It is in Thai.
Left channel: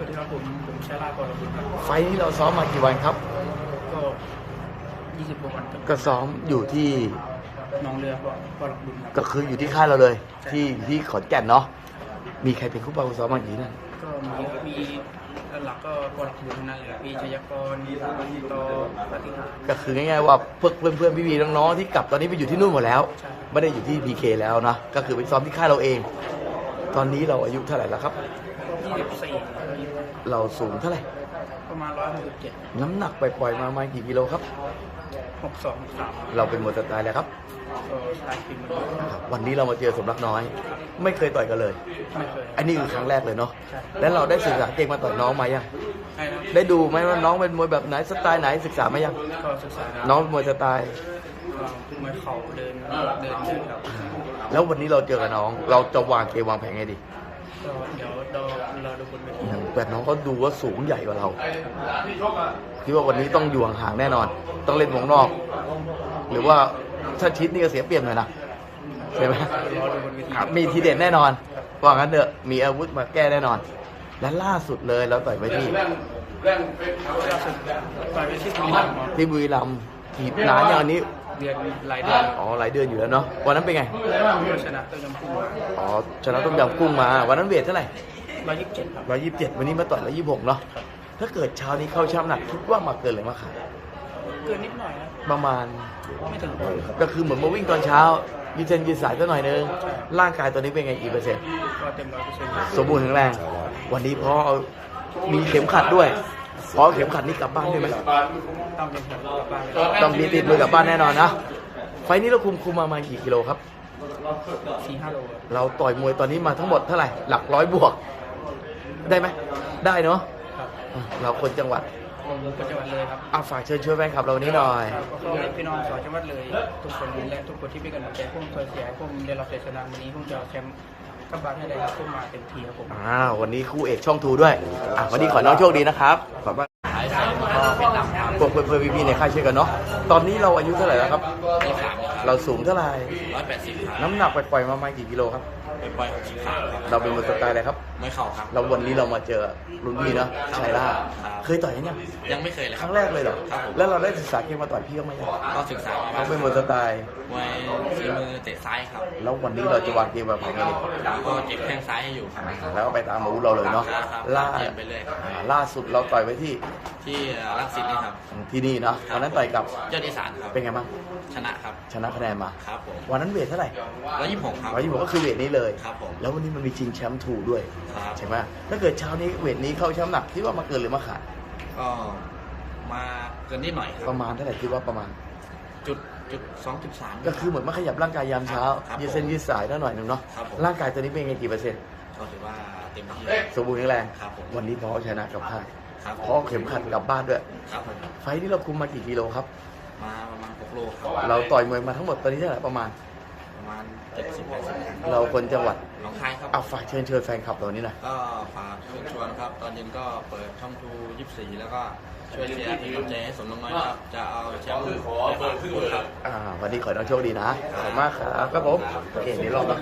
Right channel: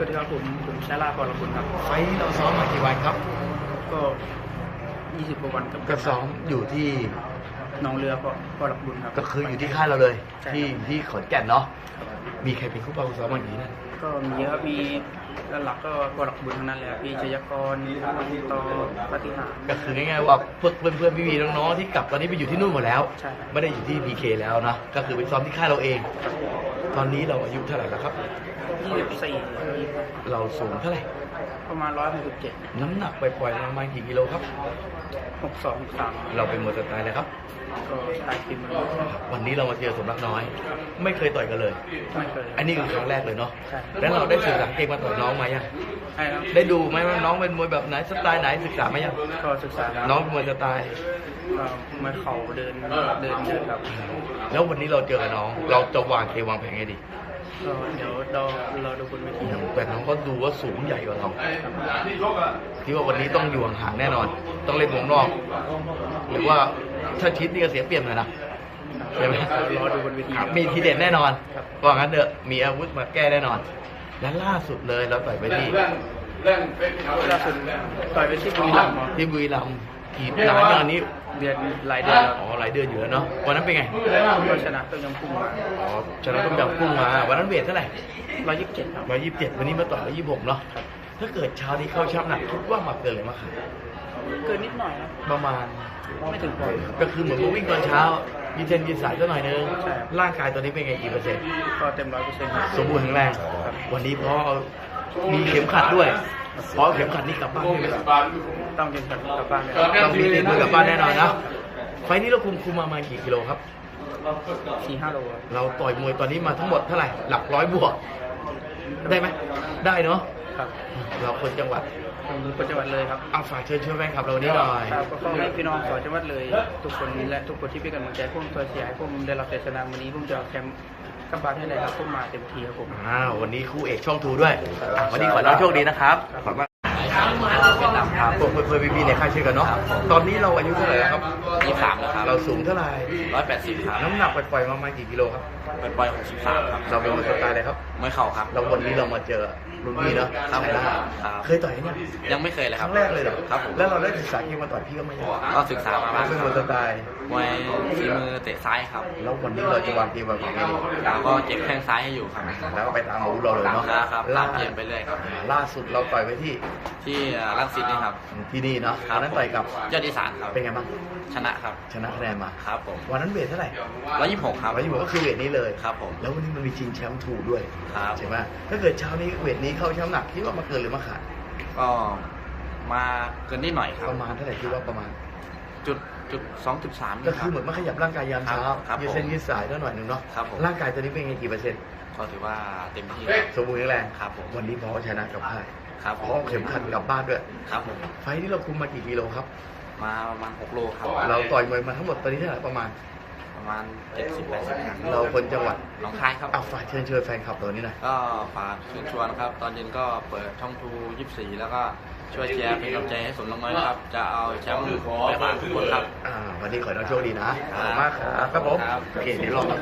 สวัสดีครับผมผมชาลาพรบุญครับ ไฟล์ที่เราซ้อมมากี่วันครับ ก็20กว่าวันครับก็ซ้อมอยู่ที่หน้องเรือพรพรบุญครับ ก็คืออยู่ที่ค่ายเราเลย ใช่ครับ ที่ที่ขอนแก่นเนาะครับมีใครเป็นคู่ปรับคู่ซ้อมบ้างทีนั่นก็มีเยอะมีหลักก็พรบุญทั้งนั้นเลยครับพี่ชยากรปังโตปฏิหารก็คือง่ายๆว่าเพื่อนเพื่อนเพื่อนพี่ๆน้องๆที่กลับตอนนี้ไปอยู่ที่นู่นหมดแล้ว ใช่ครับไม่ได้อยู่ที่พีเคแล้วนะก็คือไปซ้อมที่ค่ายเราเอง ครับ ตอนนี้เราอายุเท่าไหร่แล้วครับ 24แล้วยี่ห้าเราสูงเท่าไหร่ ประมาณ 167 น้ำหนักไปปล่อยๆมาประมาณกี่กิโลครับ 62 63เราเป็นมวยสไตล์แล้วครับ ก็ตายปีมือครับวันนี้เรามาเจอสมรักน้อย ไม่เคยต่อยกันเลย ไม่เคยคอัรับนนี้คือครั้งแรกเลยเนาะใช่แล้วเราได้ศึกษาเก่งมาต่อยน้องมายังใช่ครับได้ดูไหมว่าน้องเป็นมวยแบบไหนสไตล์ไหนศึกษาไหมยัง ก็ศึกษาครับน้องเป็นมวยสไตล์ ก็มาเข่าเดินเดินเดินครับ แล้ววันนี้เราเจอกับน้อง เราจะวางเควางแผนไงดีก็เดี๋ยวเราเราดูบนเวทีครับแต่น้องเขาดูว่าสูงใหญ่กว่าเราครับคิดว่าวันนี้ต้องอยู่ห่างๆแน่นอน ต้องเล่นวงนอก หรือว่าถ้าชิดนี่ก็เสียเปรียบหน่อยนะใช่ไหมรอดูบนเวทีครับครับมีทีเด็ดแน่นอนครับว่างั้นเถอะมีอาวุธมาแก้แน่นอน และล่าสุดเลยเราต่อยไปที่ล่าสุดต่อยไปที่บุรีรัมย์ครับที่บุรีรัมย์กี่นานนะอันนี้ เดือนหลายเดือนแล้วอ๋อหลายเดือนอยู่แล้วเนาะวันนั้นเป็นไงก็ชนะต้มยำกุ้งมาอ๋อชนะต้มยำกุ้งมาวันนั้นเวทเท่าไหร่127ครับร้อยยี่สิบเจ็ดวันนี้มาต่อยร้อยยี่สิบหกเนาะครับถ้าเกิดเช้านี้เข้าช่างหนักคิดว่ามาเกินหรือมาขาดเกินนิดหน่อยนะประมาณไม่ถึงปอนด์ก็คือเหมือนมาวิ่งตอนเช้ายีเซนยีสายก็หน่อยนึงใช่ครับร่างกายตอนนี้เป็นไงกี่เปอร์เซ็นต์ก็เต็มร้อยเปอร์เซ็นต์ครับสมบูรณ์แข็งแรงครับวันนี้พอเอามีเข็มขัดด้วย พอเข็มขัดนี่กลับบ้านใช่ไหมต้องเดินกลับบ้านเลยต้องมีติดมือกลับบ้านแน่นอนนะ ไฟล์นี้เราคุมคุมมาประมาณกี่กิโลครับสี่ห้าโลครับเราต่อยมวยตอนนี้มาทั้งหมดเท่าไหร่ หลักร้อยบวก ได้ไหมได้เนาะครับอะเราคนจังหวัดผมคนจังหวัดเลยครับเอาฝากเชิญช่วยแฟนคลับเรานี้หน่อยครับก็ขอให้พี่น้องสาวจังหวัดเลย ทุกคนและทุกคนที่เป็นกำลังใจผมเพื่อเสียให้ผมได้รับชัยชนะวันนี้ผมจะเอาแชมป์ กลับบานให้ได้ครับผมมาเต็มที่ครับผม อ่าวันนี้คู่เอกช่องทูด้วยอะวันนี้ขอให้โชคดีนะครับขอบคุณ ก็เป็นดำครับเพื่อนเพื่อนพี่ๆในค่ายเช่นกันเนาะ ครับผม ตอนนี้เราอายุเท่าไหร่แล้วครับ ยี่สามนะครับเราสูงเท่าไหร่ ร้อยแปดสิบครับน้ำหนักปล่อยๆมาประมาณกี่กิโลครับ ไปปล่อยหกสิบสามครับเราเป็นมวยสไตล์อะไรครับ ไม่เข่าครับ เราวันนี้เรามาเจอรุ่นพี่นะครับผมใช่ครับ เคยต่อยเนี่ยยังไม่เคยเลยคครัรั้บงแรกเลยเหรอครับผมแล้วเราได้ศึกษาเกมมาต่อยพี่ก็ไม่ยังก็ศึกษามาบ้างเป็นคมรับวยสไตล์ มวยฝีมือเตะซ้ายครับ แล้ววันนี้เราจะวางเกมแบบไหนดีแล้วก็เจ็บแข้งซ้ายให้อยู่ครับแล้วก็ไปตามอาวุธเราเลยเนาะครับล่าตามเกมไปเรื่อยครับ ล่าสุดเราต่อยไว้ที่ที่รังสิตนี่ครับ ที่นี่เนาะครับวันนั้นต่อยกับยอดอีสานครับเป็นไงบ้างชนะครับชนะคะแนนมาครับผมวันนั้นเวทเท่าไหร่ร้อยยี่สิบหกครับ ร้อยยี่สิบก็คือเวทนี้เลยครับผมแล้ววันนี้มันมีชิงแชมป์ถูด้วยครับ ใช่ไหมถ้าเกิดเช้านี้เวทนี้เข้าแชมป์หนักคิดว่ามาเกินหรือมาขาดก็มาเกินนิดหน่อยครับประมาณเท่าไหร่คิดว่าประมาณ จุดจุดสองจุดสาม ก็คือเหมือนมาขยับร่างกายยามเช้าครับยืดเส้นยืดสายแล้วหน่อยหนึ่งเนาะครับผม ร่างกายตอนนี้เป็นไงกี่เปอร์เซ็นต์ ก็ถือว่าเต็มที่ครับ สมบูรณ์แข็งแรงครับผม วันนี้พอชนะกับพ่ายครับพผอมเข็มขัดกลับบ้านด้วย ครับผม ไฟท์ที่เราคุมมากี่กิโลครับ มาประมาณหกโลครับ เราต่อยมวยมาทั้งหมดตอนนี้เท่าไหร่ประมาณ ประมาณเจ็ดสิบแปดสิบครั้งเราคนจังหวัดหน้องคายครับเอาฝากเชิญชวนแฟนคลับเรานี้หน่อยก็ฝากเชิญชวนครับ ตอนเย็นก็เปิดช่องทูยี่สิบสี่แล้วก็ช่วยเชียร์เป็นกำลังใจให้สมลงน้อยนะครับ จะเอาแชมป์ไปฝากทุกคนครับ อ่า วันนี้ขอให้น้องโชคดีนะขอบคุณมากครับครับผมครับโอเคเดี๋ยวรอรับ